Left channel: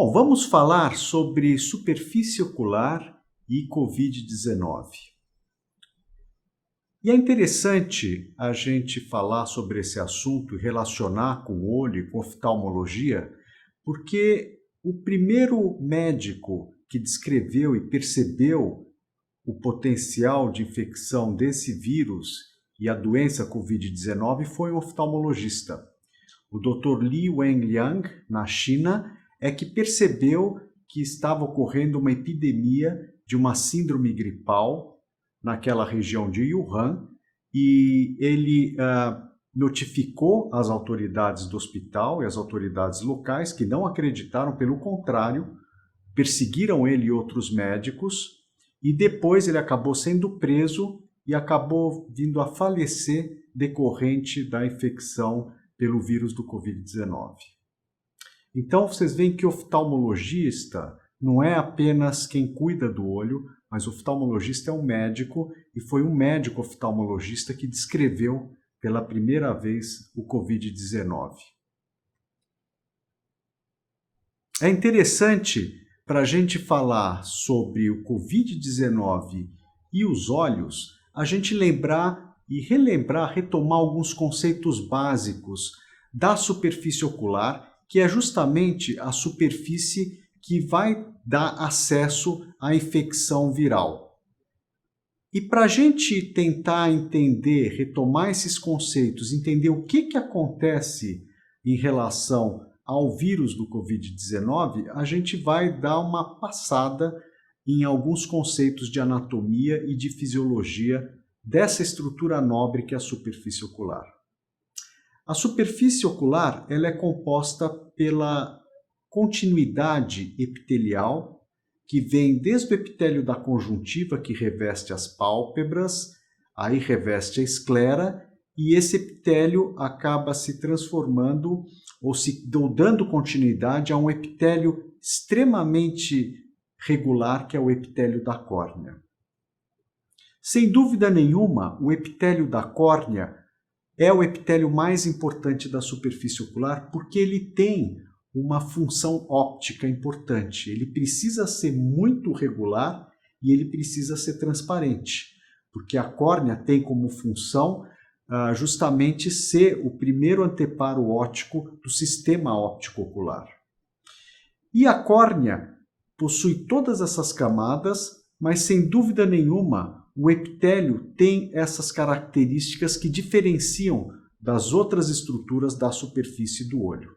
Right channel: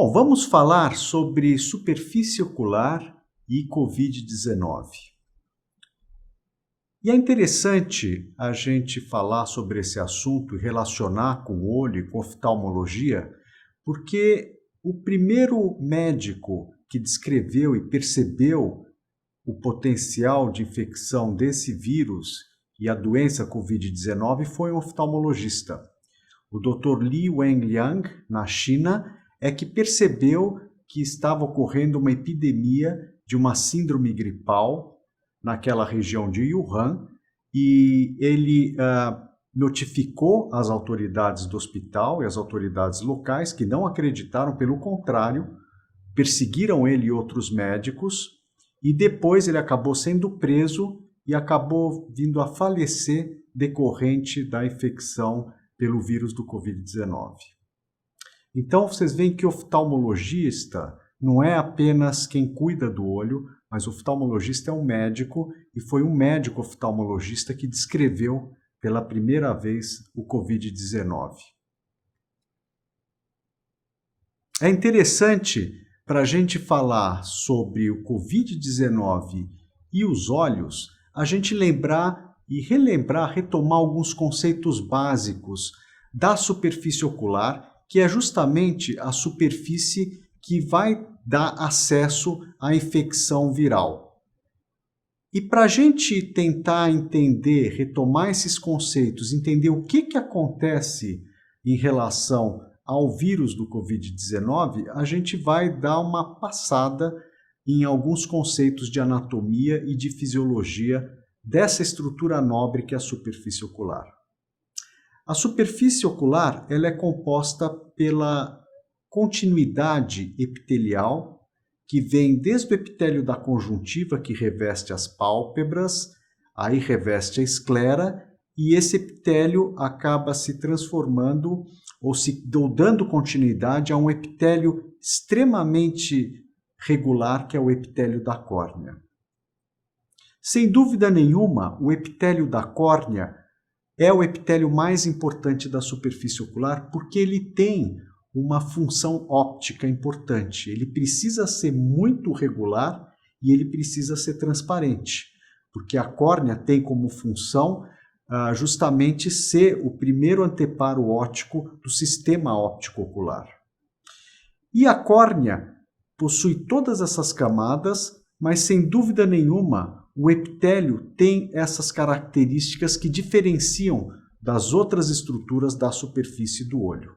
Bom, vamos falar sobre superfície ocular e Covid-19. E é interessante a gente falar sobre esse assunto e relacionar com o olho e com oftalmologia, porque o primeiro médico que descreveu e percebeu o potencial de infecção desse vírus e a doença Covid-19 foi um oftalmologista. O Dr. Li Wenliang, na China, é que percebeu que estava ocorrendo uma epidemia de uma síndrome gripal naquela região de Wuhan e ele notificou as autoridades do hospital e as autoridades locais que não acreditaram, pelo contrário, perseguiram ele e outros médicos e depois ele acabou sendo preso e acabou vindo a falecer decorrente da infecção pelo vírus do Covid-19. Então, vocês veem que o oftalmologista não é apenas quem cuida do olho, mas o oftalmologista é um médico e foi um médico oftalmologista que descreveu pela primeira vez o Covid-19. É interessante para a gente falar sobre o Covid-19 e os olhos, a gente lembrar e relembrar, retomar alguns conceitos básicos da superfície ocular, que é justamente a superfície que vai dar acesso à infecção viral. E para a gente tentar entender, retomar esses conceitos, entender o que acontece em relação ao vírus do Covid-19, a gente vai dar uma passada em alguns conceitos de anatomia e de fisiologia dessa estrutura nobre que é a superfície ocular. A superfície ocular ela é composta pela continuidade epitelial que vem desde o epitélio da conjuntiva, que reveste as pálpebras, aí reveste a esclera, e esse epitélio acaba se transformando ou dando continuidade a um epitélio extremamente regular, que é o epitélio da córnea. Sem dúvida nenhuma, o epitélio da córnea é o epitélio mais importante da superfície ocular porque ele tem uma função óptica importante. Ele precisa ser muito regular e ele precisa ser transparente, porque a córnea tem como função justamente ser o primeiro anteparo óptico do sistema óptico ocular. E a córnea possui todas essas camadas, mas sem dúvida nenhuma o epitélio tem essas características que diferenciam das outras estruturas da superfície do olho.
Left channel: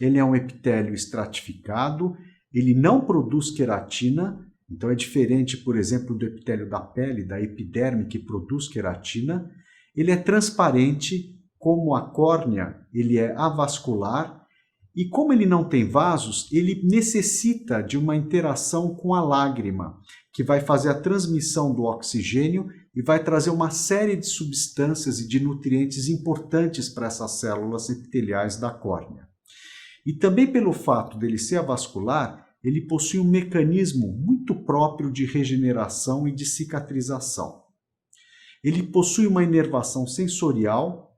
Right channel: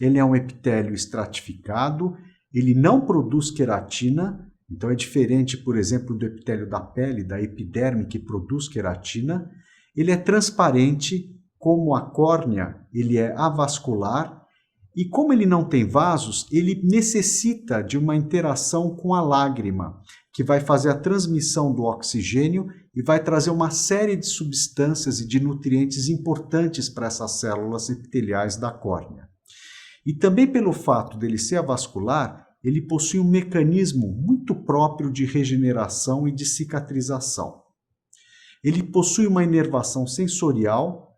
Ele é um epitélio estratificado, ele não produz queratina, então é diferente, por exemplo, do epitélio da pele, da epiderme, que produz queratina. Ele é transparente, como a córnea, ele é avascular, e como ele não tem vasos, ele necessita de uma interação com a lágrima, que vai fazer a transmissão do oxigênio e vai trazer uma série de substâncias e de nutrientes importantes para essas células epiteliais da córnea. E também pelo fato dele ser avascular, ele possui um mecanismo muito próprio de regeneração e de cicatrização. Ele possui uma inervação sensorial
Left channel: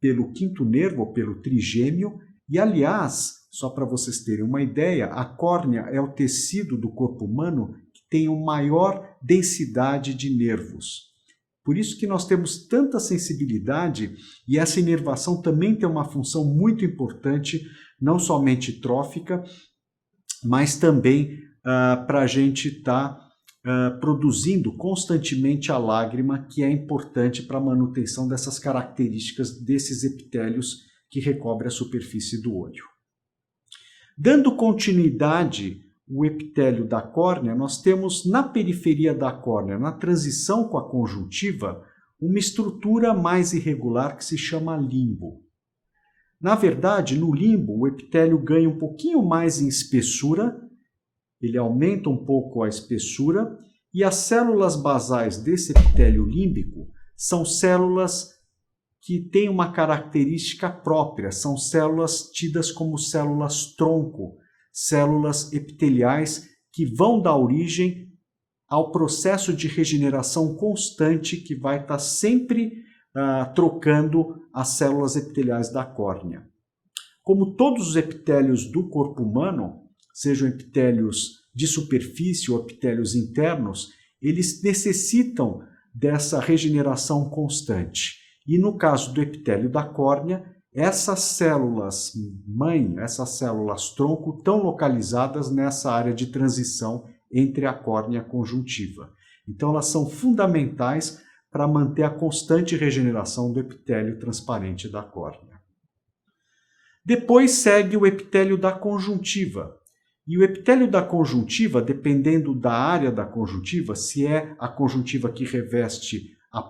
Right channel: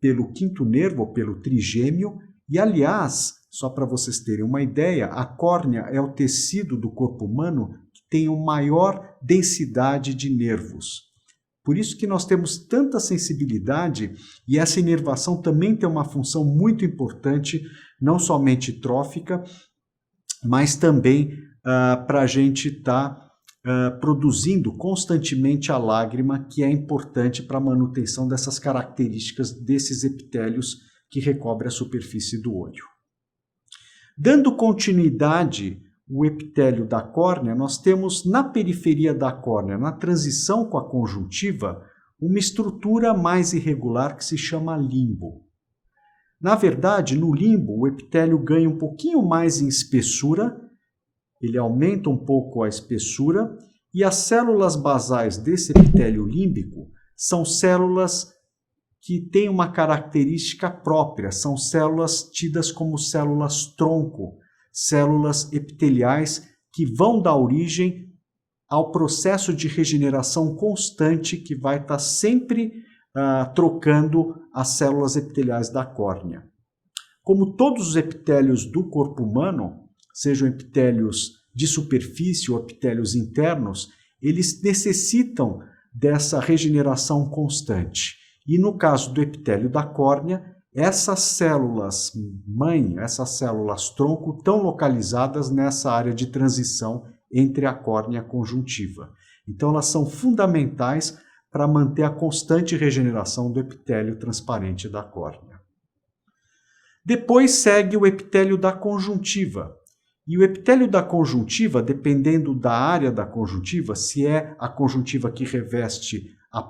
pelo quinto nervo, ou pelo trigêmeo, e aliás, só para vocês terem uma ideia, a córnea é o tecido do corpo humano que tem uma maior densidade de nervos. Por isso que nós temos tanta sensibilidade e essa inervação também tem uma função muito importante, não somente trófica, mas também para a gente estar produzindo constantemente a lágrima, que é importante para a manutenção dessas características desses epitélios que recobrem a superfície do olho. Dando continuidade ao epitélio da córnea, nós temos na periferia da córnea, na transição com a conjuntiva, uma estrutura mais irregular que se chama limbo. Na verdade, no limbo, o epitélio ganha um pouquinho mais em espessura, ele aumenta um pouco a espessura, e as células basais desse epitélio límbico são células que têm uma característica própria, são células tidas como células tronco, células epiteliais que vão dar origem ao processo de regeneração constante que vai estar sempre trocando as células epiteliais da córnea. Como todos os epitélios do corpo humano, sejam epitélios de superfície ou epitélios internos, eles necessitam dessa regeneração constante. E no caso do epitélio da córnea, essas células mãe, essas células tronco, estão localizadas nessa área de transição entre a córnea e a conjuntiva. Então, elas são fundamentais para manter a constante regeneração do epitélio transparente da córnea. Depois segue o epitélio da conjuntiva. E o epitélio da conjuntiva, dependendo da área da conjuntiva, se é a conjuntiva que reveste a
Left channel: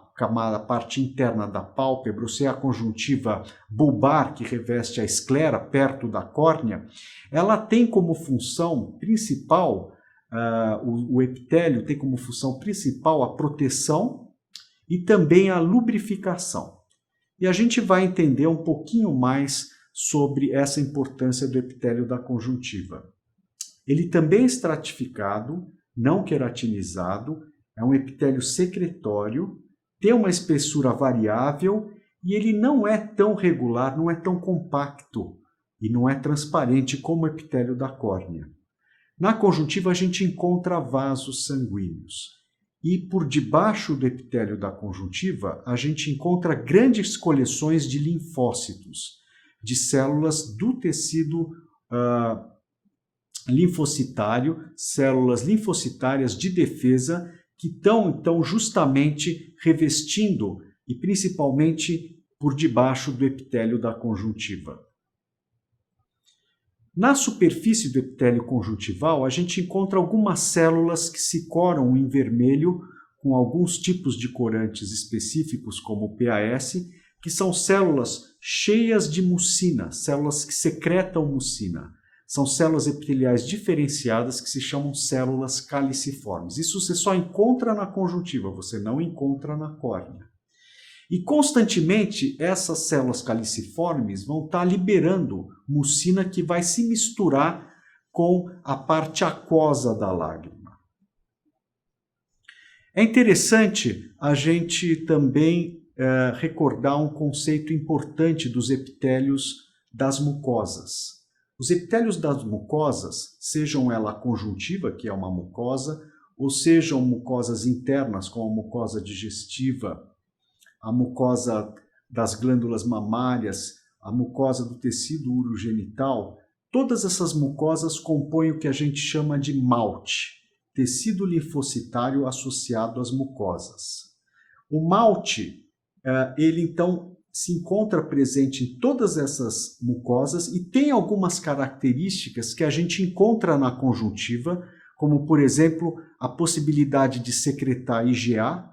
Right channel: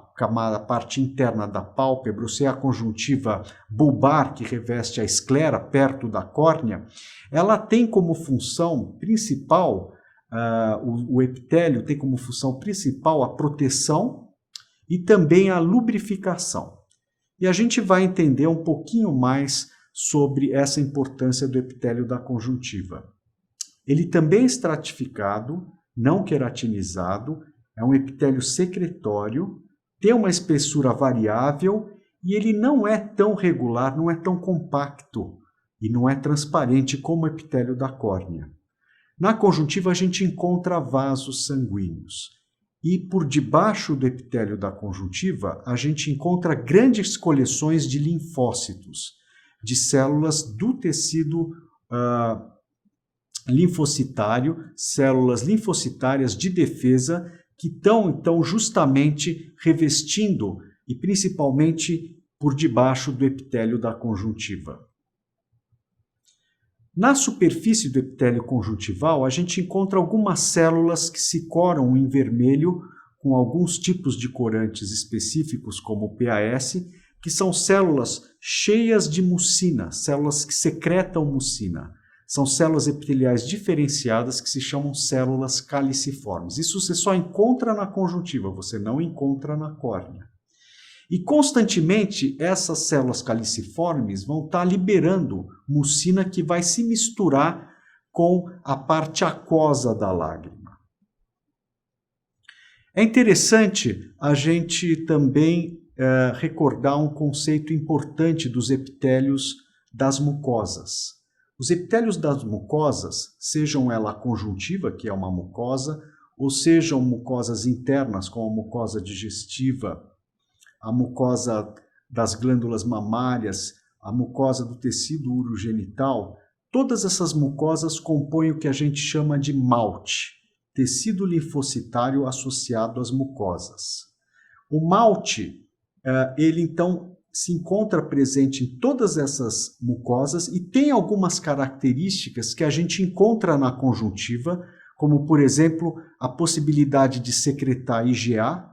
parte interna da pálpebra, ou se é a conjuntiva bulbar que reveste a esclera perto da córnea, ela tem como função principal, o epitélio tem como função principal a proteção e também a lubrificação. E a gente vai entender um pouquinho mais sobre essa importância do epitélio da conjuntiva. Ele também é estratificado, não queratinizado, é um epitélio secretório, tem uma espessura variável e ele não é tão regular, não é tão compacto e não é transparente como o epitélio da córnea. Na conjuntiva a gente encontra vasos sanguíneos e por debaixo do epitélio da conjuntiva a gente encontra grandes coleções de linfócitos, de células do tecido linfocitário, células linfocitárias de defesa que estão, então, justamente revestindo e principalmente por debaixo do epitélio da conjuntiva. Na superfície do epitélio conjuntival, a gente encontra algumas células que se coram em vermelho com alguns tipos de corantes específicos, como o PAS, que são células cheias de mucina, células que secretam mucina. São células epiteliais diferenciadas que se chamam células caliciformes. Isso você só encontra na conjuntiva, você não encontra na córnea. E constantemente essas células caliciformes vão estar liberando mucina que vai se misturar com a parte aquosa da lágrima. É interessante a gente também recordar um conceito importante dos epitélios das mucosas. Os epitélios das mucosas, sejam ela a conjuntiva, que é uma mucosa, ou sejam mucosas internas, como a mucosa digestiva, a mucosa das glândulas mamárias, a mucosa do tecido urogenital, todas essas mucosas compõem o que a gente chama de MALT, tecido linfocitário associado às mucosas. O MALT, ele então se encontra presente em todas essas mucosas e tem algumas características que a gente encontra na conjuntiva, como, por exemplo, a possibilidade de secretar IgA,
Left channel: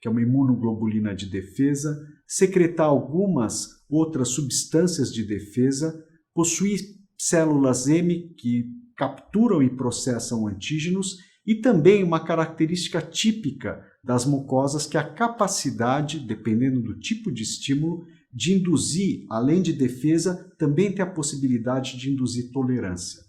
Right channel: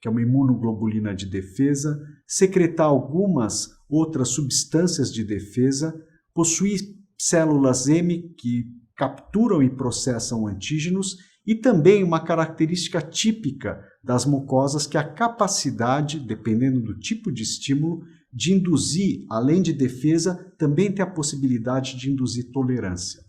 que é uma imunoglobulina de defesa, secretar algumas outras substâncias de defesa, possuir células M que capturam e processam antígenos e também uma característica típica das mucosas, que é a capacidade, dependendo do tipo de estímulo, de induzir, além de defesa, também tem a possibilidade de induzir tolerância.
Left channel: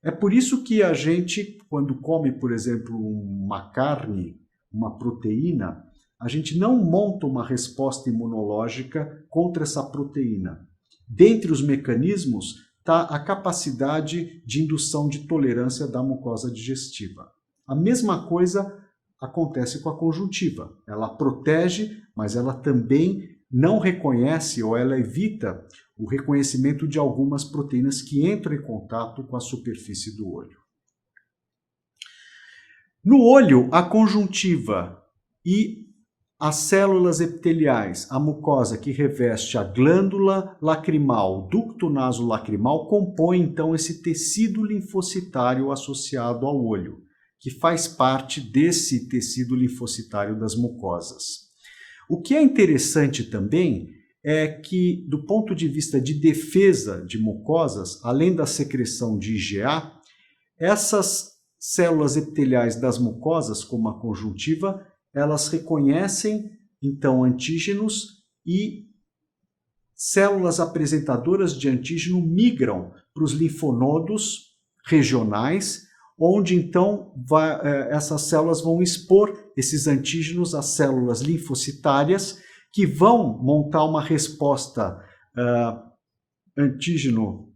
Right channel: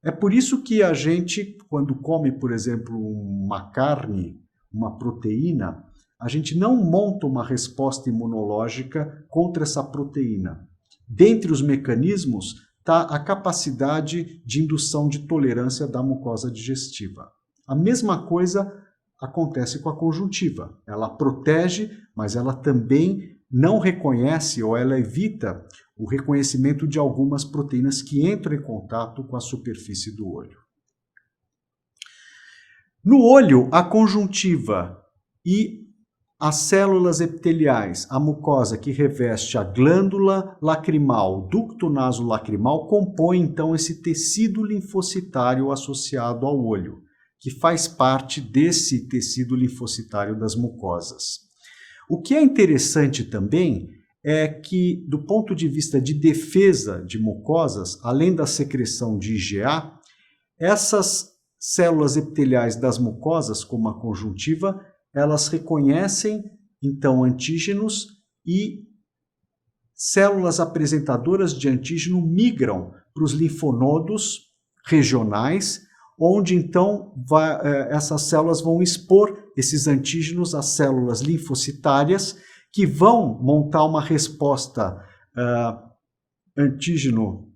É por isso que a gente, quando come, por exemplo, uma carne, uma proteína, a gente não monta uma resposta imunológica contra essa proteína. Dentre os mecanismos está a capacidade de indução de tolerância da mucosa digestiva. A mesma coisa acontece com a conjuntiva. Ela protege, mas ela também não reconhece ou ela evita o reconhecimento de algumas proteínas que entram em contato com a superfície do olho. No olho, a conjuntiva e as células epiteliais, a mucosa que reveste a glândula lacrimal, ducto nasolacrimal, compõem então esse tecido linfocitário associado ao olho, que faz parte desse tecido linfocitário das mucosas. O que é interessante também é que, do ponto de vista de defesa de mucosas, além da secreção de IgA, essas células epiteliais das mucosas, como a conjuntiva, elas reconhecem, então, antígenos e células apresentadoras de antígeno migram para os linfonodos regionais, onde então essas células vão expor esses antígenos às células linfocitárias, que vão montar uma resposta antígeno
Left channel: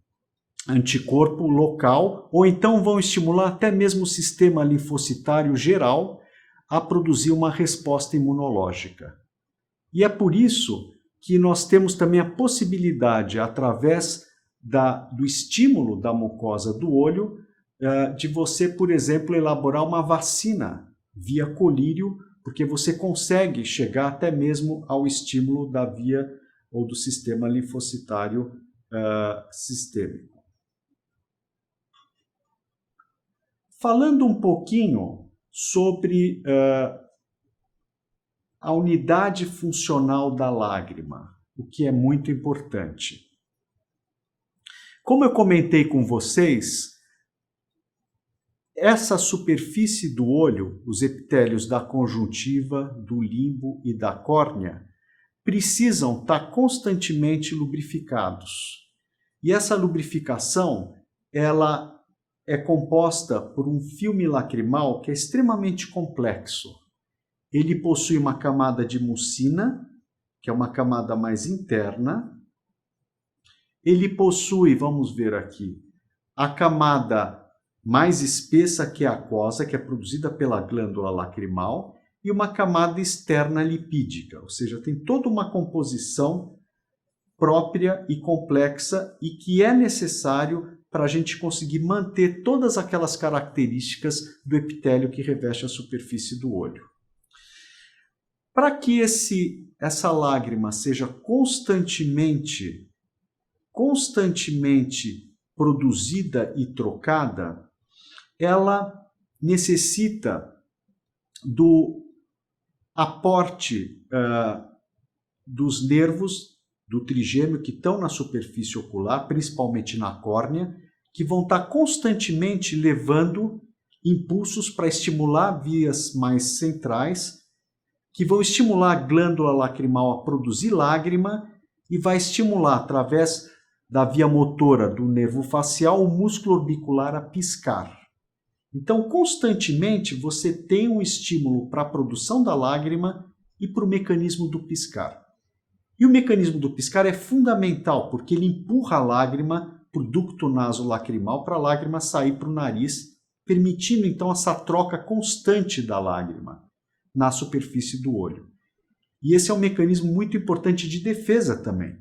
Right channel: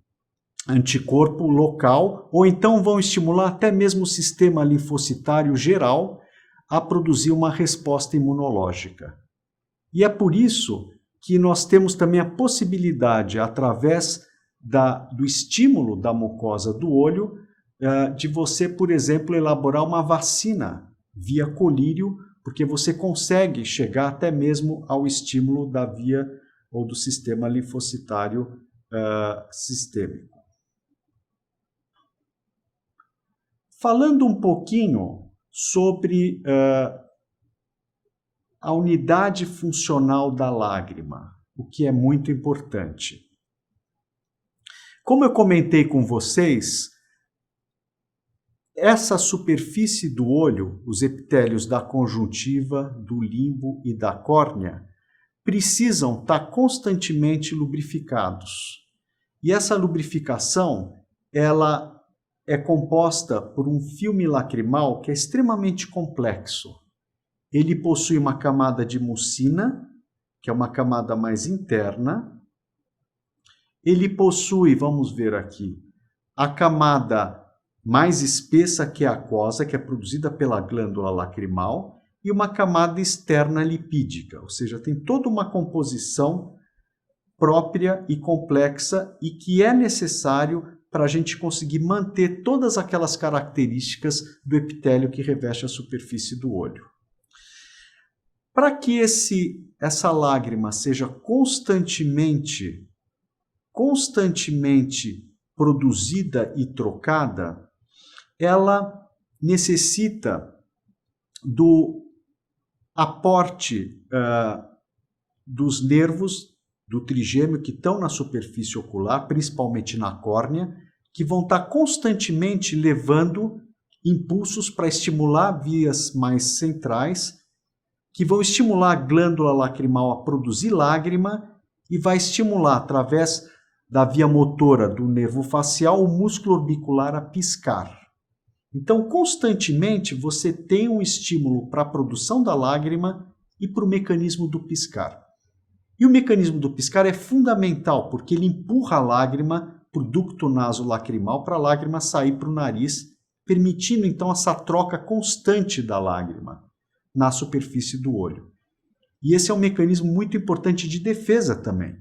anticorpo local, ou então vão estimular até mesmo o sistema linfocitário geral a produzir uma resposta imunológica. E é por isso que nós temos também a possibilidade, através do estímulo da mucosa do olho, de você, por exemplo, elaborar uma vacina via colírio, porque você consegue chegar até mesmo ao estímulo da via ou do sistema linfocitário sistêmico. Falando um pouquinho sobre a unidade funcional da lágrima, o que é muito importante. Como eu comentei com vocês, essa superfície do olho, os epitélios da conjuntiva, do limbo e da córnea, precisam estar constantemente lubrificados. E essa lubrificação, ela é composta por um filme lacrimal que é extremamente complexo. Ele possui uma camada de mucina, que é uma camada mais interna. Ele possui, vamos ver aqui, a camada mais espessa, que é a aquosa, que é produzida pela glândula lacrimal, e uma camada externa lipídica, ou seja, tem toda uma composição própria e complexa e que é necessário para a gente conseguir manter todas aquelas características do epitélio que reveste a superfície do olho. Para que essa lágrima seja constantemente produzida e trocada, ela necessita do aporte dos nervos do trigêmeo que estão na superfície ocular, principalmente na córnea, que vão estar constantemente levando impulsos para estimular vias mais centrais, que vão estimular a glândula lacrimal a produzir lágrima e vai estimular, através da via motora do nervo facial, o músculo orbicular a piscar. Então, constantemente, você tem um estímulo para a produção da lágrima e para o mecanismo do piscar. E o mecanismo do piscar é fundamental, porque ele empurra a lágrima para o ducto nasolacrimal para a lágrima sair para o nariz, permitindo então essa troca constante da lágrima na superfície do olho. E esse é um mecanismo muito importante de defesa também.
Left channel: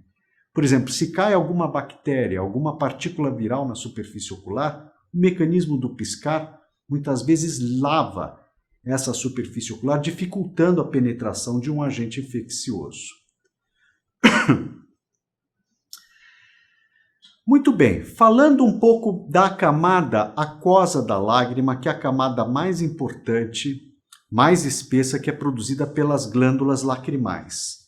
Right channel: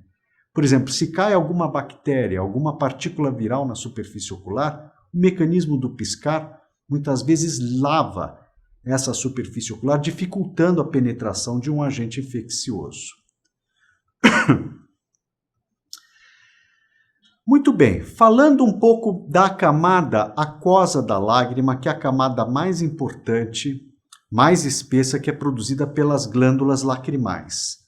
Por exemplo, se cai alguma bactéria, alguma partícula viral na superfície ocular, o mecanismo do piscar muitas vezes lava essa superfície ocular, dificultando a penetração de um agente infeccioso. Muito bem, falando um pouco da camada aquosa da lágrima, que é a camada mais importante, mais espessa, que é produzida pelas glândulas lacrimais.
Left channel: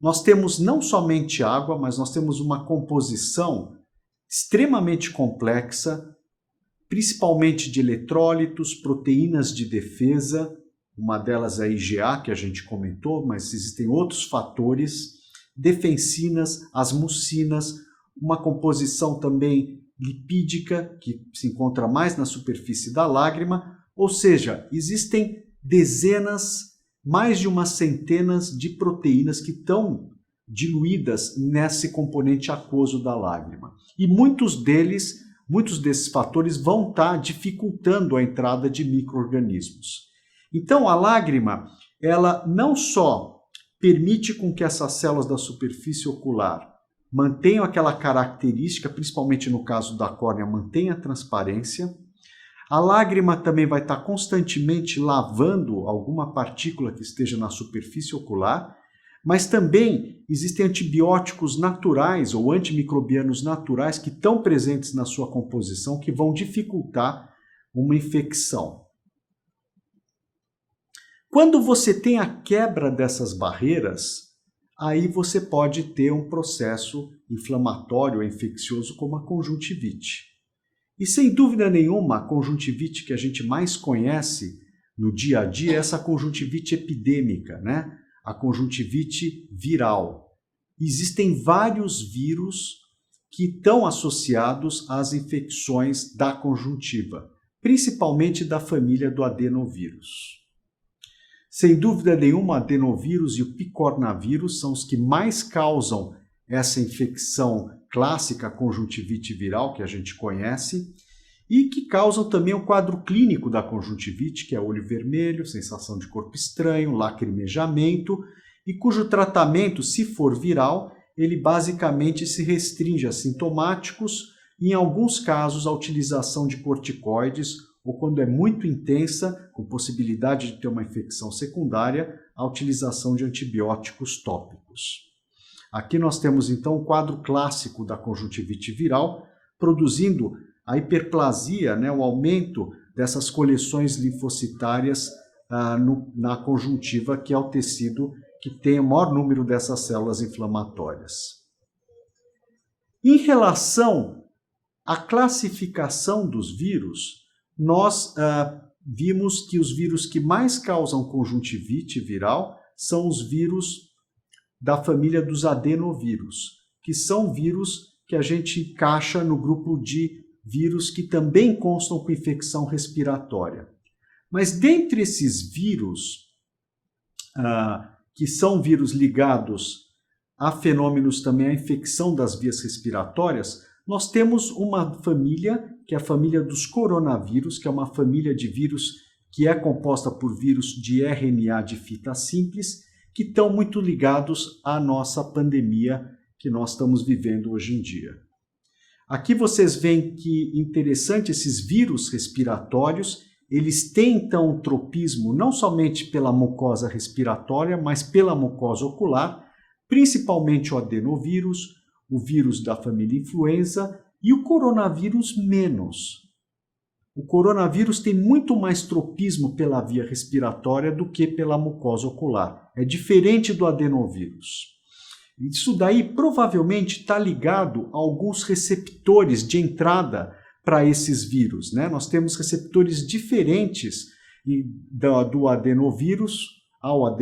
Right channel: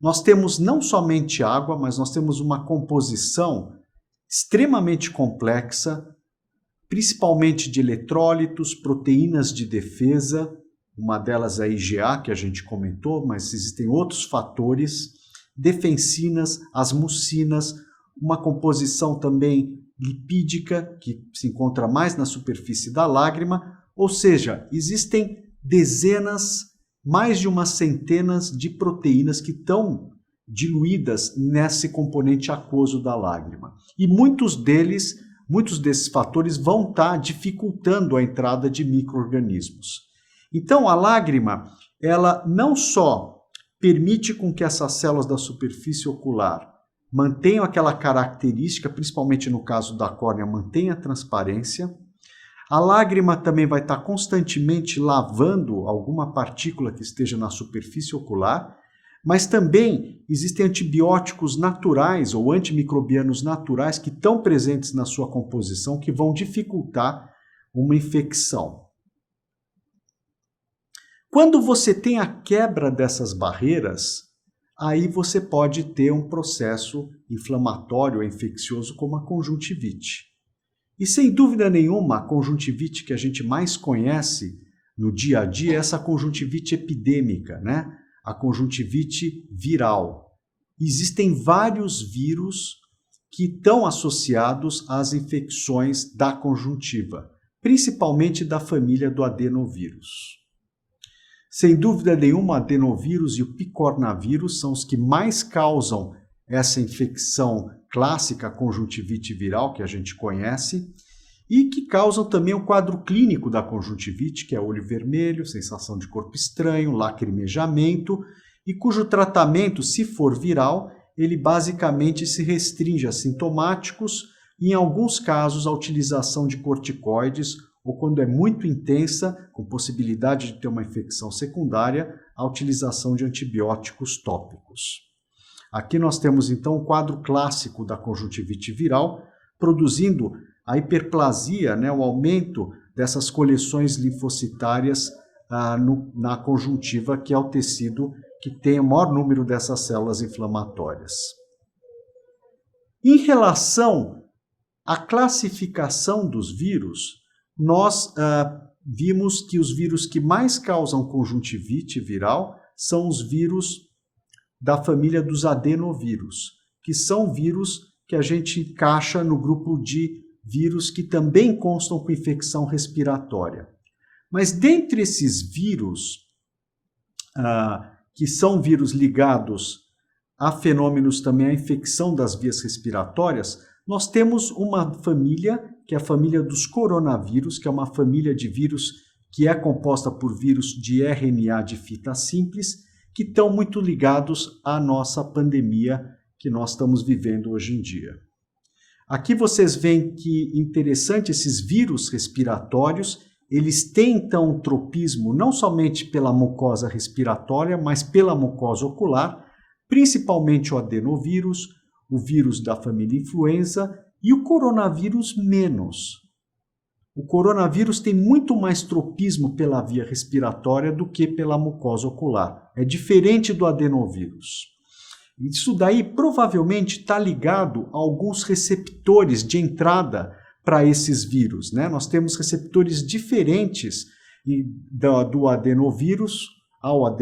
Nós temos não somente água, mas nós temos uma composição extremamente complexa, principalmente de eletrólitos, proteínas de defesa, uma delas é a IgA, que a gente comentou, mas existem outros fatores, defensinas, as mucinas, uma composição também lipídica, que se encontra mais na superfície da lágrima, ou seja, existem dezenas, mais de uma centena de proteínas que estão diluídas nesse componente aquoso da lágrima. E muitos desses fatores vão estar dificultando a entrada de micro-organismos. Então, a lágrima, ela não só permite com que essas células da superfície ocular mantenham aquela característica, principalmente no caso da córnea, mantenha a transparência. A lágrima também vai estar constantemente lavando alguma partícula que esteja na superfície ocular, mas também existem antibióticos naturais ou antimicrobianos naturais que estão presentes na sua composição que vão dificultar uma infecção. Quando você tem a quebra dessas barreiras, aí você pode ter um processo inflamatório ou infeccioso como a conjuntivite. E sem dúvida nenhuma, a conjuntivite que a gente mais conhece no dia a dia é essa conjuntivite epidêmica, né? A conjuntivite viral. Existem vários vírus que estão associados às infecções da conjuntiva, principalmente da família do adenovírus. Sem dúvida nenhuma, o adenovírus e o picornavírus são os que mais causam essa infecção clássica conjuntivite viral que a gente conhece e que causam também o quadro clínico da conjuntivite, que é olho vermelho, sensação de corpo estranho, lacrimejamento, e cujo tratamento, se for viral, ele basicamente se restringe a sintomáticos e, em alguns casos, a utilização de corticoides ou, quando é muito intensa, com possibilidade de ter uma infecção secundária, a utilização de antibióticos tópicos. Aqui nós temos, então, o quadro clássico da conjuntivite viral, produzindo a hiperplasia, o aumento dessas coleções linfocitárias na conjuntiva, que é o tecido que tem o maior número dessas células inflamatórias. Em relação à classificação dos vírus, nós vimos que os vírus que mais causam conjuntivite viral são os vírus da família dos adenovírus, que são vírus que a gente encaixa no grupo de vírus que também constam com infecção respiratória. Mas dentre esses vírus, que são vírus ligados a fenômenos também à infecção das vias respiratórias, nós temos uma família, que é a família dos coronavírus, que é uma família de vírus que é composta por vírus de RNA de fita simples, que estão muito ligados à nossa pandemia que nós estamos vivendo hoje em dia. Aqui vocês veem que interessante esses vírus respiratórios, eles têm então um tropismo não somente pela mucosa respiratória, mas pela mucosa ocular, principalmente o adenovírus, o vírus da família influenza e o coronavírus menos. O coronavírus tem muito mais tropismo pela via respiratória do que pela mucosa ocular. É diferente do adenovírus. Isso daí provavelmente está ligado a alguns receptores de entrada para esses vírus, Nós temos receptores diferentes do adenovírus, ao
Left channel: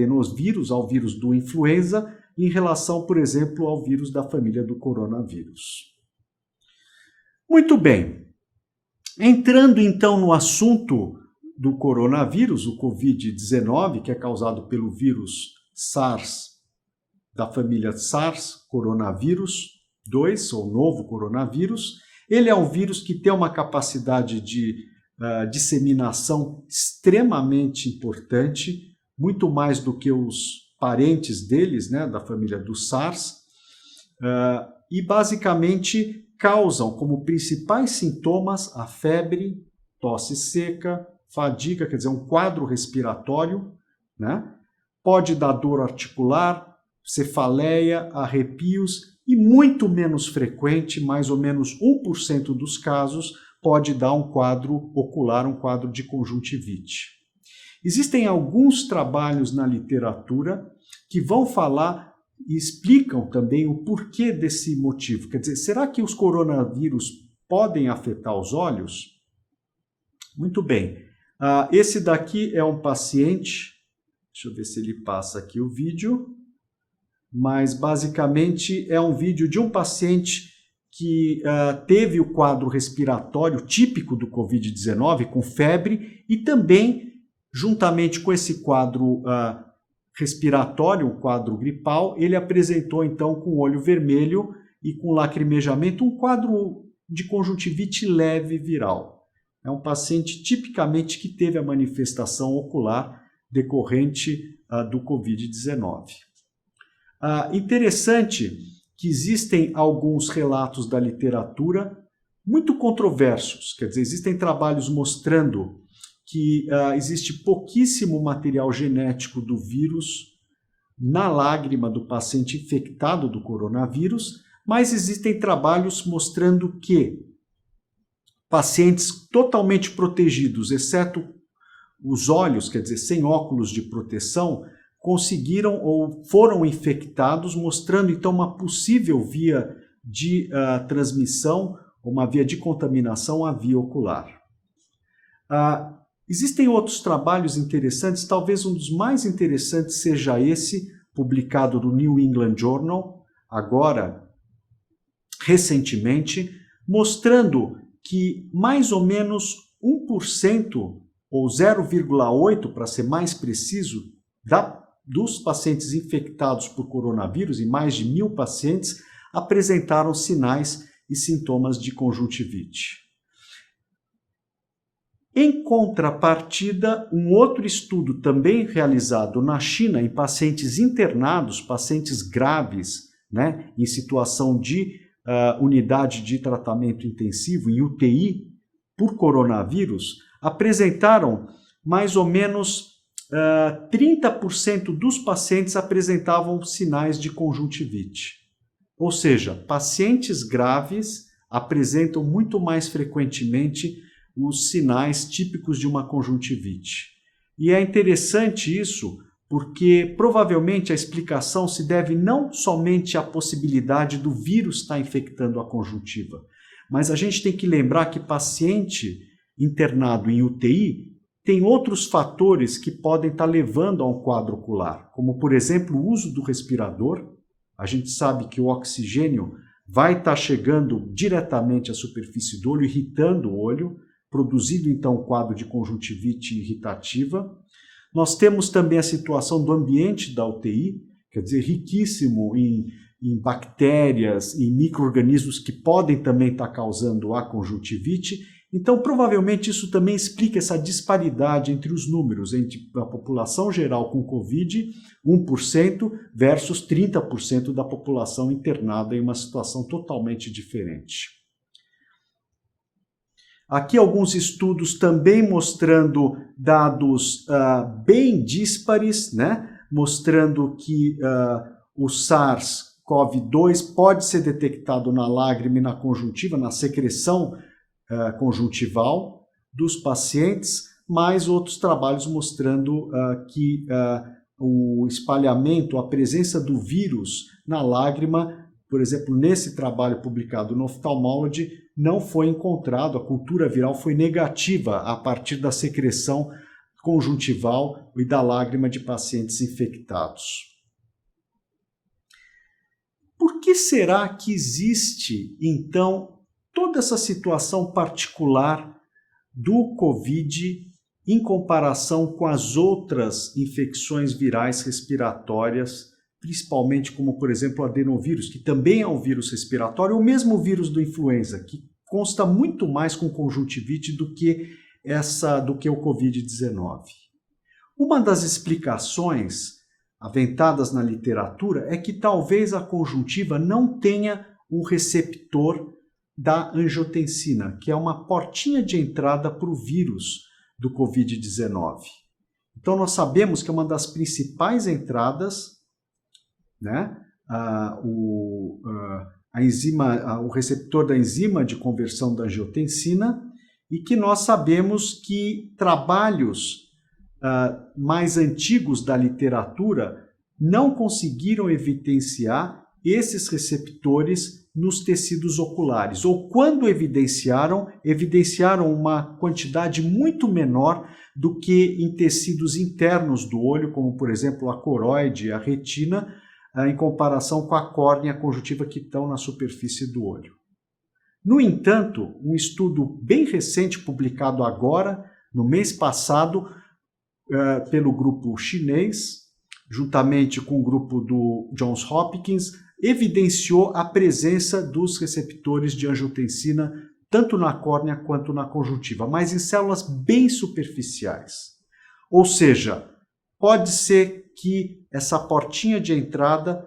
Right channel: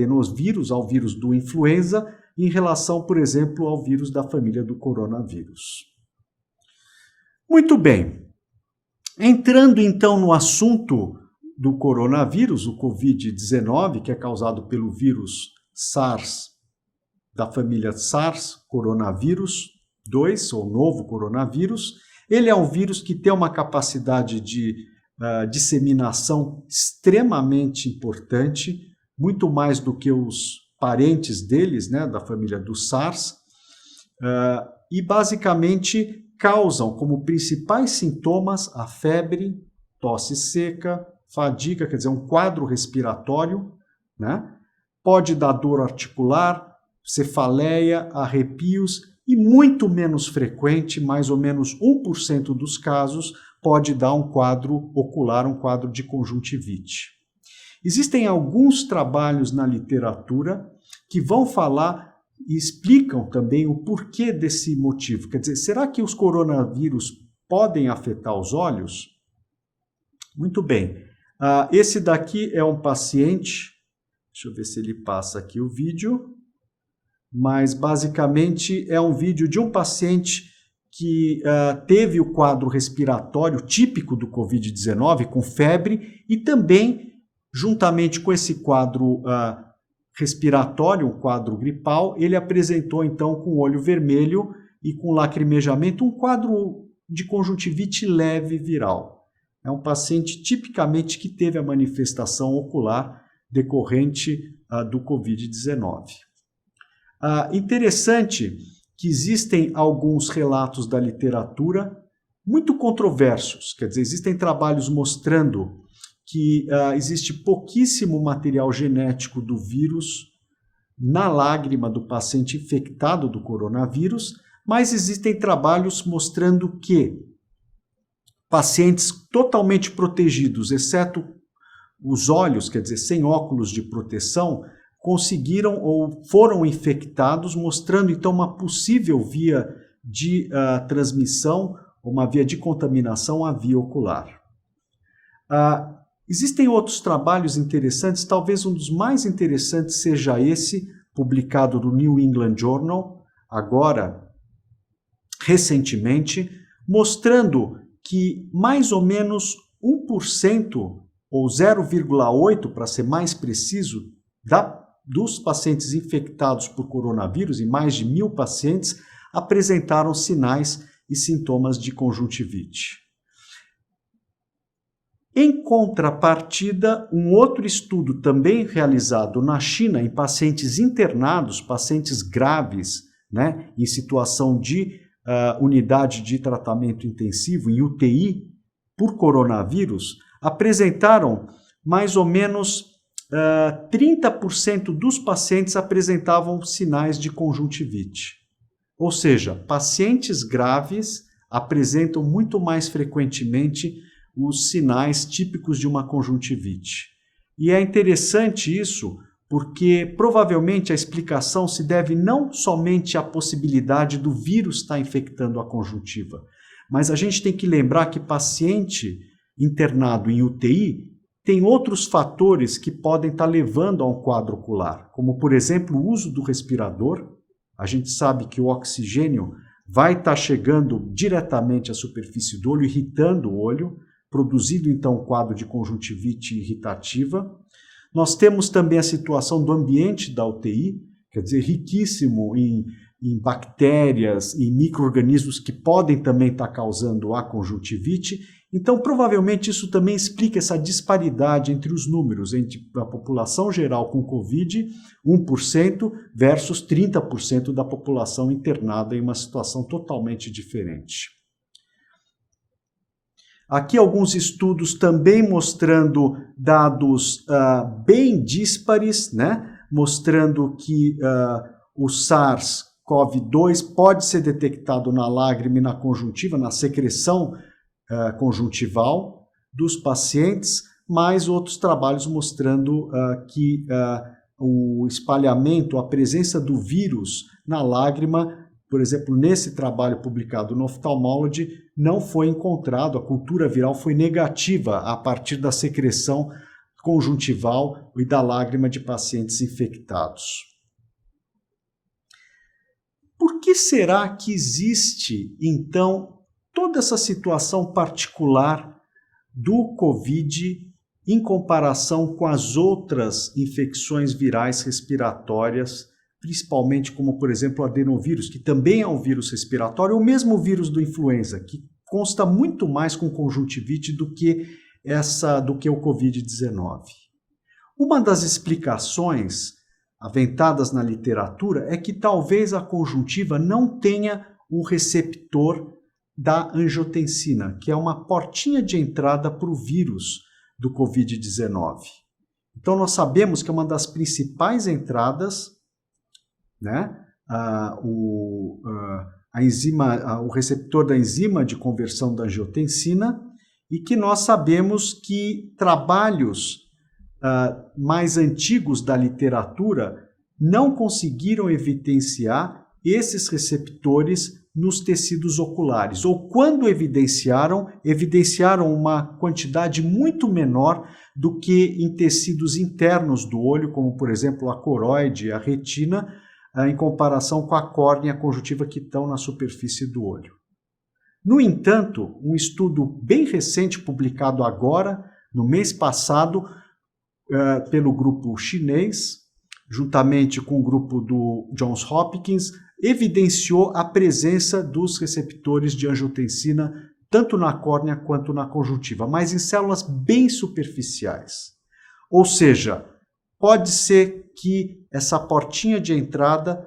vírus do influenza, em relação, por exemplo, ao vírus da família do coronavírus. Muito bem. Entrando então no assunto do coronavírus, o Covid-19, que é causado pelo vírus SARS, da família SARS, coronavírus 2, ou novo coronavírus. Ele é um vírus que tem uma capacidade de disseminação extremamente importante, muito mais do que os parentes deles, da família do SARS, e basicamente causam como principais sintomas a febre, tosse seca, fadiga, quer dizer, um quadro respiratório, Pode dar dor articular, cefaleia, arrepios e muito menos frequente, mais ou menos 1% dos casos, pode dar um quadro ocular, um quadro de conjuntivite. Existem alguns trabalhos na literatura que vão falar e explicam também o porquê desse motivo. Quer dizer, será que os coronavírus podem afetar os olhos? Muito bem. Esse daqui é um paciente, deixa eu ver se ele passa aqui o vídeo, mas basicamente é um vídeo de um paciente que teve o quadro respiratório típico do Covid-19, com febre, e também, juntamente com esse quadro respiratório, um quadro gripal, ele apresentou então com olho vermelho e com lacrimejamento um quadro de conjuntivite leve viral. É um paciente tipicamente que teve a manifestação ocular decorrente do Covid-19. Interessante que existem alguns relatos da literatura muito controversos, quer dizer, existem trabalhos mostrando que existe pouquíssimo material genético do vírus na lágrima do paciente infectado do coronavírus, mas existem trabalhos mostrando que pacientes totalmente protegidos, exceto os olhos, quer dizer, sem óculos de proteção, conseguiram ou foram infectados, mostrando então uma possível via de transmissão, uma via de contaminação à via ocular. Existem outros trabalhos interessantes, talvez um dos mais interessantes seja esse, publicado no New England Journal, agora, recentemente, mostrando que mais ou menos 1%, ou 0,8%, para ser mais preciso, dos pacientes infectados por coronavírus, em mais de 1.000 pacientes, apresentaram sinais e sintomas de conjuntivite. Em contrapartida, um outro estudo também realizado na China em pacientes internados, pacientes graves, né, em situação de unidade de tratamento intensivo, em UTI, por coronavírus, apresentaram mais ou menos 30% dos pacientes apresentavam sinais de conjuntivite. Ou seja, pacientes graves apresentam muito mais frequentemente os sinais típicos de uma conjuntivite. E é interessante isso porque provavelmente a explicação se deve não somente à possibilidade do vírus estar infectando a conjuntiva, mas a gente tem que lembrar que paciente internado em UTI tem outros fatores que podem estar levando a um quadro ocular, como por exemplo o uso do respirador. A gente sabe que o oxigênio vai estar chegando diretamente à superfície do olho, irritando o olho, produzindo então um quadro de conjuntivite irritativa. Nós temos também a situação do ambiente da UTI, quer dizer, riquíssimo em bactérias e micro-organismos que podem também estar causando a conjuntivite. Então, provavelmente isso também explica essa disparidade entre os números, entre a população geral com Covid, 1%, versus 30% da população internada em uma situação totalmente diferente. Aqui alguns estudos também mostrando dados bem díspares, né? Mostrando que o SARS-CoV-2 pode ser detectado na lágrima e na conjuntiva, na secreção conjuntival dos pacientes, mais outros trabalhos mostrando que o espalhamento, a presença do vírus na lágrima, por exemplo, nesse trabalho publicado no Ophthalmology, não foi encontrado, a cultura viral foi negativa a partir da secreção conjuntival e da lágrima de pacientes infectados. Por que será que existe, então, toda essa situação particular do Covid em comparação com as outras infecções virais respiratórias, principalmente como, por exemplo, o adenovírus, que também é um vírus respiratório, ou mesmo o vírus do influenza, que consta muito mais com conjuntivite do que o Covid-19. Uma das explicações aventadas na literatura é que talvez a conjuntiva não tenha um receptor da angiotensina, que é uma portinha de entrada para o vírus do Covid-19. Então nós sabemos que é uma das principais entradas, né, o receptor da enzima de conversão da angiotensina, e que nós sabemos que trabalhos mais antigos da literatura não conseguiram evidenciar esses receptores nos tecidos oculares, ou quando evidenciaram uma quantidade muito menor do que em tecidos internos do olho, como por exemplo a coroide, a retina, em comparação com a córnea e a conjuntiva que estão na superfície do olho. No entanto, um estudo bem recente, publicado agora, no mês passado, pelo grupo chinês, juntamente com o grupo do Johns Hopkins, evidenciou a presença dos receptores de angiotensina tanto na córnea quanto na conjuntiva, mas em células bem superficiais. Ou seja, pode ser que essa portinha de entrada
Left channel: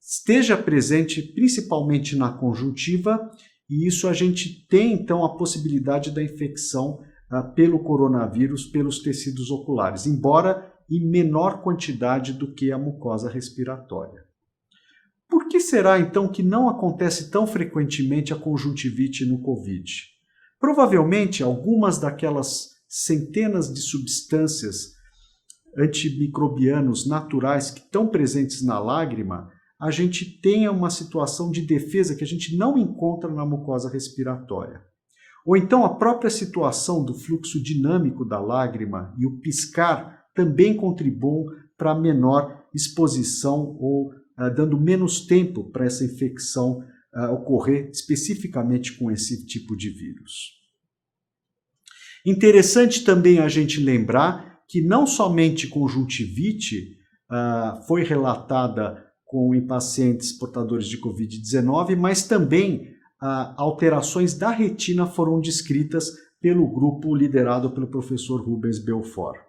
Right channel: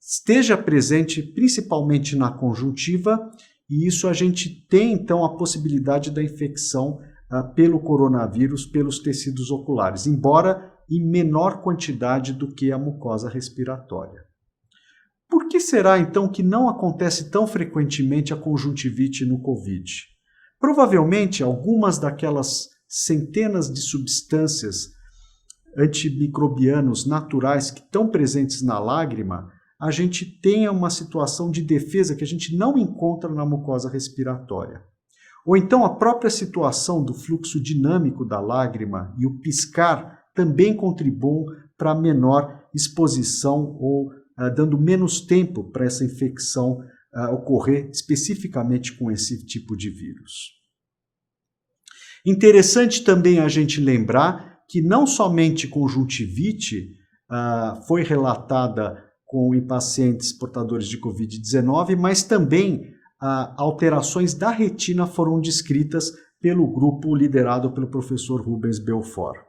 esteja presente principalmente na conjuntiva, e isso a gente tem então a possibilidade da infecção pelo coronavírus pelos tecidos oculares, embora em menor quantidade do que a mucosa respiratória. Por que será então que não acontece tão frequentemente a conjuntivite no Covid? Provavelmente algumas daquelas centenas de substâncias antimicrobianos naturais que estão presentes na lágrima, a gente tenha uma situação de defesa que a gente não encontra na mucosa respiratória. Ou então a própria situação do fluxo dinâmico da lágrima e o piscar também contribuem para a menor exposição ou dando menos tempo para essa infecção ocorrer especificamente com esse tipo de vírus. Interessante também a gente lembrar que não somente conjuntivite foi relatada em pacientes portadores de Covid-19, mas também alterações da retina foram descritas pelo grupo liderado pelo professor Rubens Belfort.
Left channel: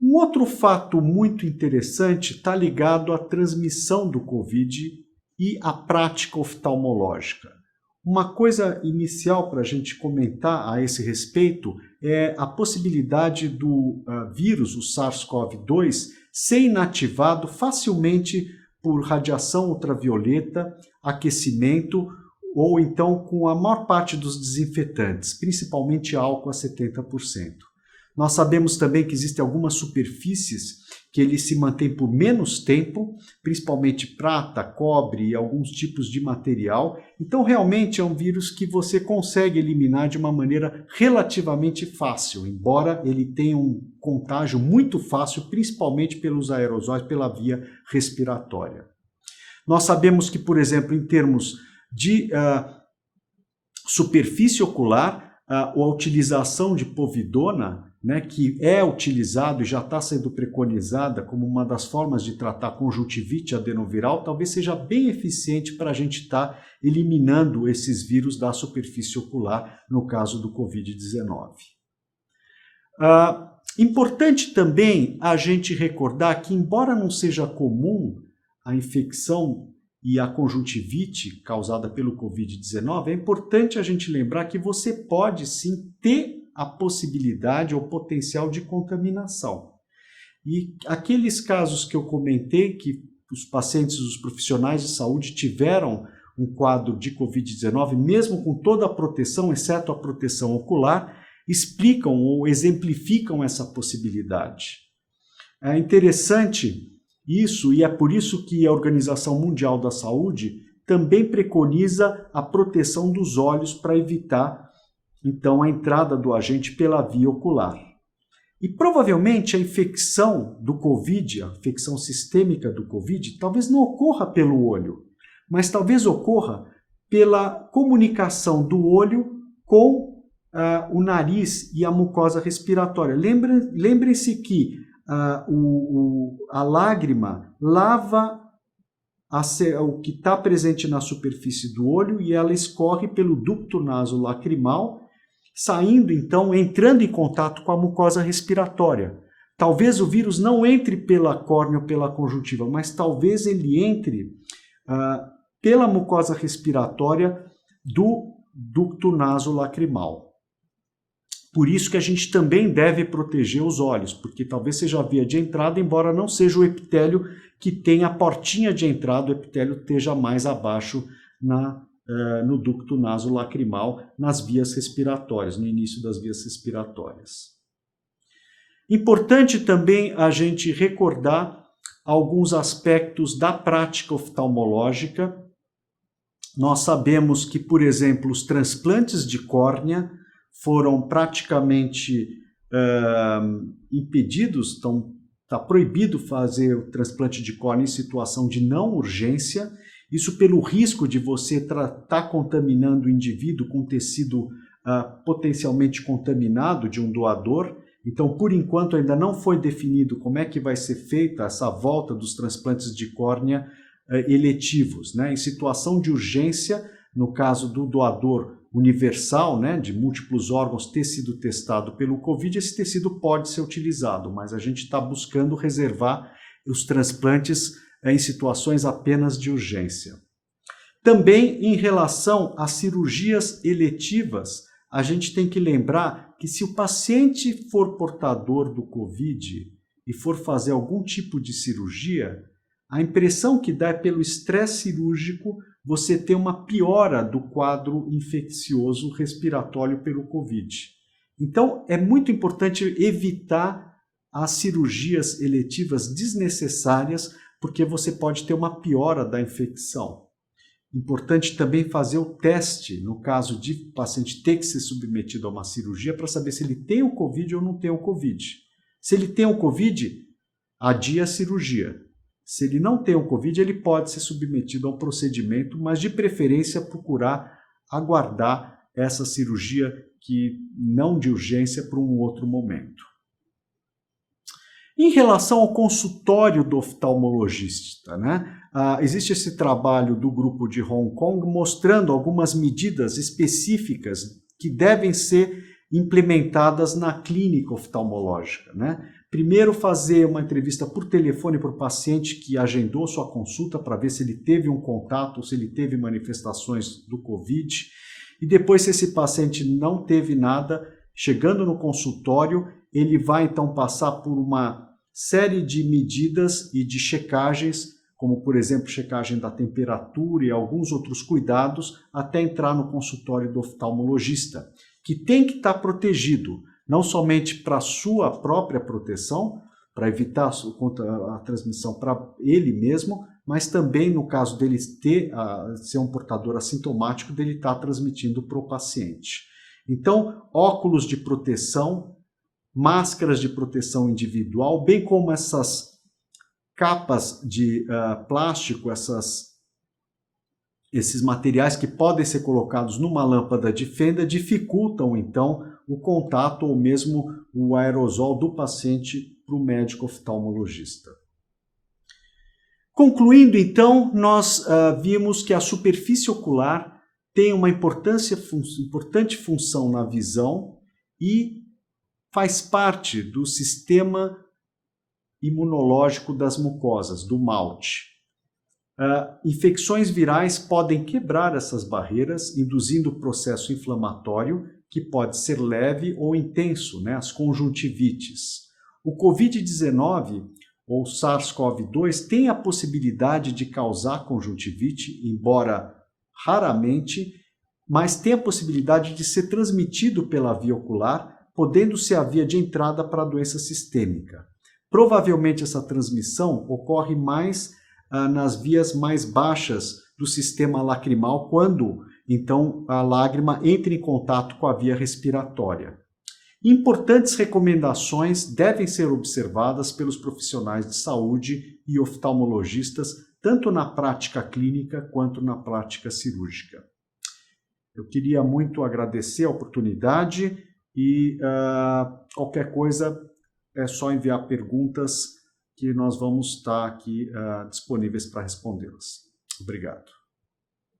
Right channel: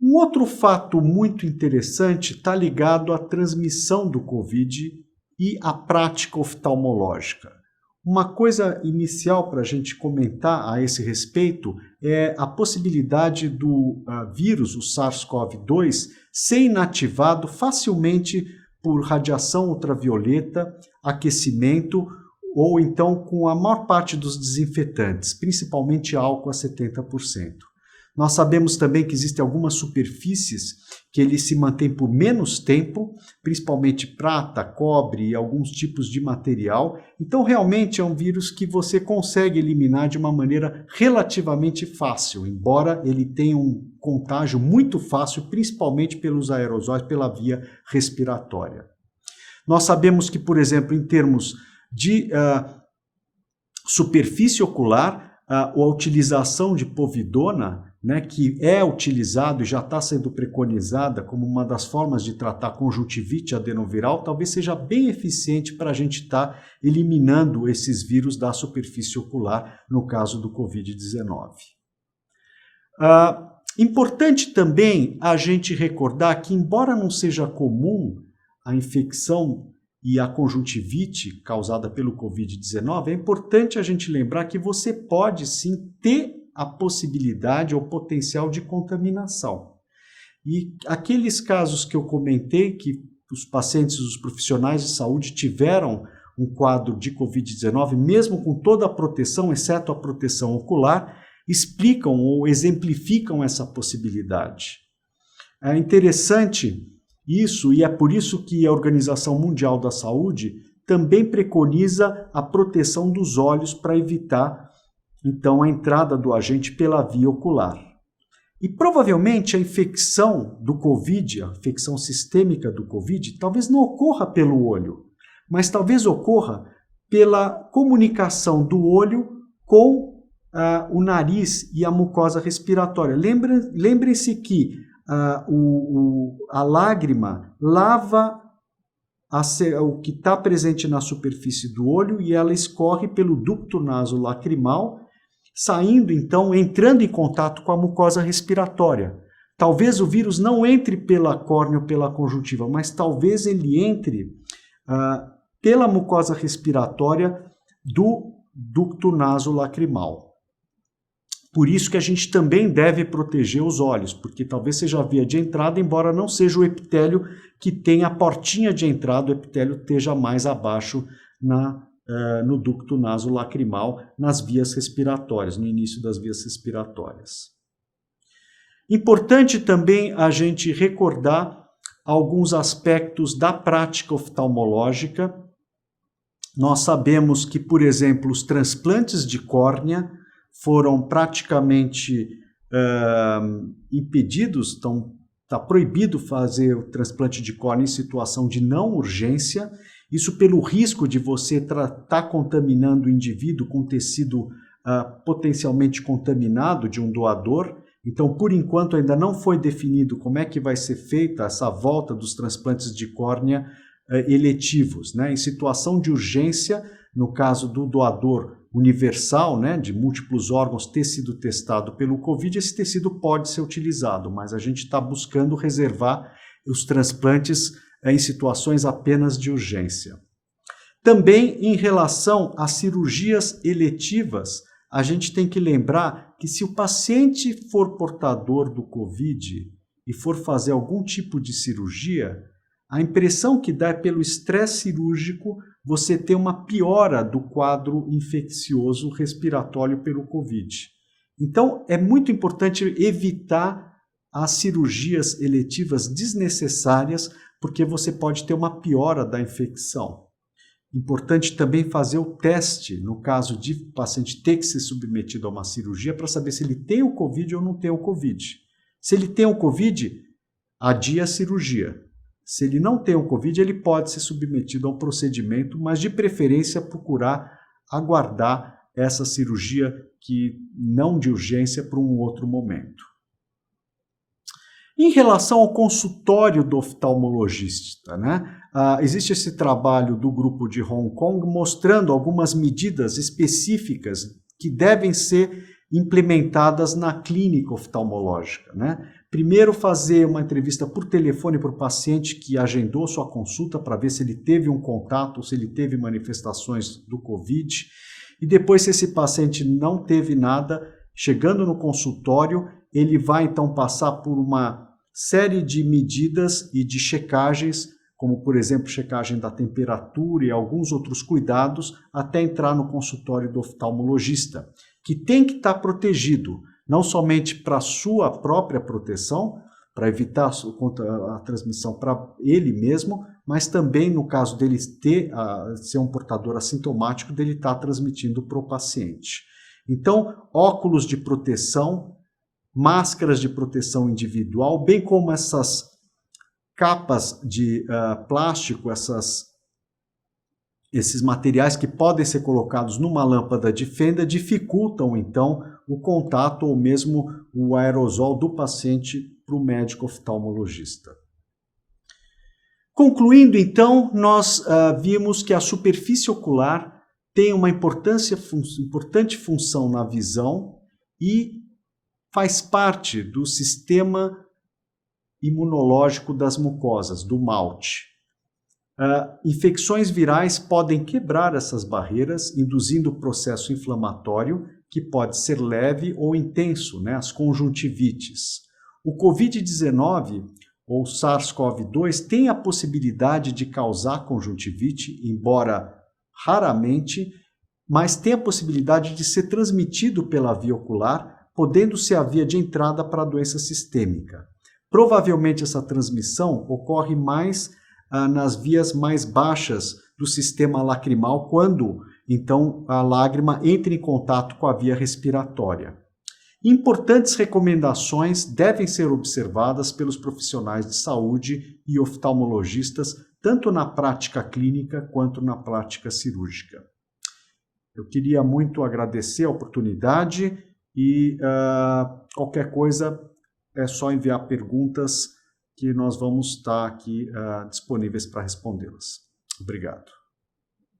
Um outro fato muito interessante está ligado à transmissão do Covid e à prática oftalmológica. Uma coisa inicial para a gente comentar a esse respeito é a possibilidade do vírus, o SARS-CoV-2, ser inativado facilmente por radiação ultravioleta, aquecimento ou então com a maior parte dos desinfetantes, principalmente álcool a 70%. Nós sabemos também que existem algumas superfícies que ele se mantém por menos tempo, principalmente prata, cobre e alguns tipos de material. Então, realmente é um vírus que você consegue eliminar de uma maneira relativamente fácil, embora ele tenha um contágio muito fácil, principalmente pelos aerosóis, pela via respiratória. Nós sabemos que, por exemplo, em termos de superfície ocular, a utilização de povidona, que é utilizado e já está sendo preconizada como uma das formas de tratar conjuntivite adenoviral, talvez seja bem eficiente para a gente estar eliminando esses vírus da superfície ocular, no caso do Covid-19. Importante também a gente recordar que, embora não seja comum a infecção e a conjuntivite causada pelo Covid-19, é importante a gente lembrar que você pode sim ter a possibilidade ou potencial de contaminação. E aqueles casos que eu comentei, que os pacientes, os profissionais de saúde tiveram um quadro de Covid-19, mesmo com toda a proteção, exceto a proteção ocular, explicam ou exemplificam essa possibilidade. É interessante isso, e é por isso que a Organização Mundial da Saúde também preconiza a proteção dos olhos para evitar, então, a entrada do agente pela via ocular. E provavelmente a infecção do Covid, a infecção sistêmica do Covid, talvez não ocorra pelo olho, mas talvez ocorra pela comunicação do olho com o nariz e a mucosa respiratória. Lembrem-se que a lágrima lava o que está presente na superfície do olho e ela escorre pelo ducto nasolacrimal, saindo então, entrando em contato com a mucosa respiratória. Talvez o vírus não entre pela córnea ou pela conjuntiva, mas talvez ele entre pela mucosa respiratória do ducto nasolacrimal. Por isso que a gente também deve proteger os olhos, porque talvez seja a via de entrada, embora não seja o epitélio que tem a portinha de entrada, o epitélio esteja mais abaixo no ducto nasolacrimal, nas vias respiratórias, no início das vias respiratórias. Importante também a gente recordar alguns aspectos da prática oftalmológica. Nós sabemos que, por exemplo, os transplantes de córnea foram praticamente impedidos, está proibido fazer o transplante de córnea em situação de não urgência, isso pelo risco de você estar contaminando o indivíduo com tecido potencialmente contaminado de um doador. Então, por enquanto, ainda não foi definido como é que vai ser feita essa volta dos transplantes de córnea eletivos. Em situação de urgência, no caso do doador universal, de múltiplos órgãos ter sido testado pelo Covid, esse tecido pode ser utilizado, mas a gente está buscando reservar os transplantes em situações apenas de urgência. Também em relação às cirurgias eletivas, a gente tem que lembrar que se o paciente for portador do Covid e for fazer algum tipo de cirurgia, a impressão que dá é pelo estresse cirúrgico você ter uma piora do quadro infeccioso respiratório pelo Covid. Então, é muito importante evitar as cirurgias eletivas desnecessárias, porque você pode ter uma piora da infecção. Importante também fazer o teste, no caso de o paciente ter que ser submetido a uma cirurgia, para saber se ele tem o Covid ou não tem o Covid. Se ele tem o Covid, adia a cirurgia. Se ele não tem o Covid, ele pode ser submetido a um procedimento, mas de preferência procurar aguardar essa cirurgia que não de urgência para um outro momento. Em relação ao consultório do oftalmologista, né? Existe esse trabalho do grupo de Hong Kong mostrando algumas medidas específicas que devem ser implementadas na clínica oftalmológica, né? Primeiro, fazer uma entrevista por telefone para o paciente que agendou sua consulta para ver se ele teve um contato ou se ele teve manifestações do Covid. E depois, se esse paciente não teve nada, chegando no consultório, ele vai então passar por uma série de medidas e de checagens, como por exemplo checagem da temperatura e alguns outros cuidados, até entrar no consultório do oftalmologista, que tem que estar protegido, não somente para a sua própria proteção, para evitar a transmissão para ele mesmo, mas também no caso dele ser um portador assintomático, dele estar transmitindo para o paciente. Então, óculos de proteção, máscaras de proteção individual, bem como essas capas de plástico, esses materiais que podem ser colocados numa lâmpada de fenda, dificultam então o contato ou mesmo o aerosol do paciente para o médico oftalmologista. Concluindo então, nós vimos que a superfície ocular tem uma importante função na visão e faz parte do sistema imunológico das mucosas, do malte. Infecções virais podem quebrar essas barreiras, induzindo o processo inflamatório, que pode ser leve ou intenso, né? As conjuntivites. O Covid-19, ou SARS-CoV-2, tem a possibilidade de causar conjuntivite, embora raramente, mas tem a possibilidade de ser transmitido pela via ocular, podendo ser a via de entrada para a doença sistêmica. Provavelmente essa transmissão ocorre mais nas vias mais baixas do sistema lacrimal, quando então a lágrima entra em contato com a via respiratória. Importantes recomendações devem ser observadas pelos profissionais de saúde e oftalmologistas, tanto na prática clínica quanto na prática cirúrgica. Eu queria muito agradecer a oportunidade e qualquer coisa é só enviar perguntas que nós vamos estar aqui disponíveis para respondê-las. Obrigado.